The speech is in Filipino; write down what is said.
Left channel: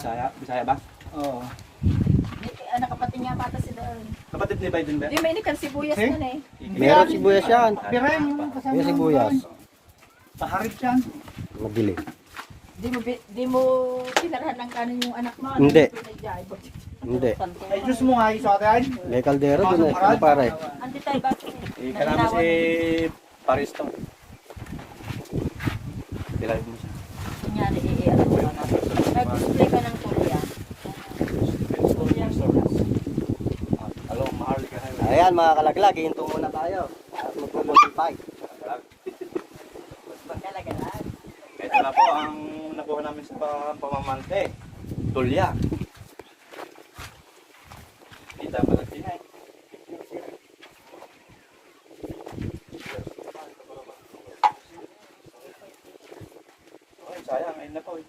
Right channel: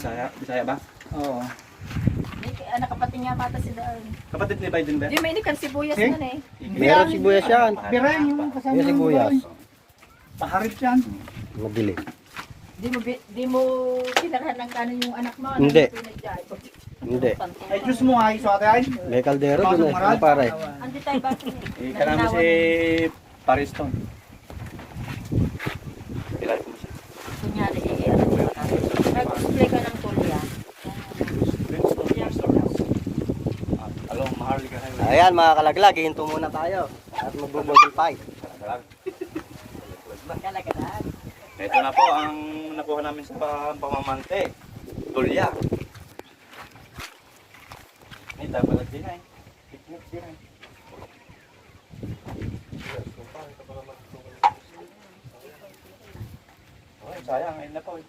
Bisaya ba? Oo. Anak kapatid niya tata si Doon. Kapatid ni Biden ba? Di may inikan sibuyas Eh? yan eh. Meron sibuyas yan. Birahin yung kasama Yung sibuyas. Paharit yan. Madilim. Di mo kinarahan ng kanin yung anak mo. Hindi. Hindi. Ay, Diyos mo nga isa tayo. May kaldero dun eh. Ano pare? Andi tayo ba? Ika namin si Pariston. Pilay mo siya. Kunyari, ano ba natin? Mag-display ka ng tulya. Hello, mahal ka na. Ayan mga kalaglag, hihinto muna tayo. At magbubudol fight. Kalagalan. Ito na po ang nakuha namin sa pamamante. Tulya. Kita pala kinay. Sayang, ayun na po eh.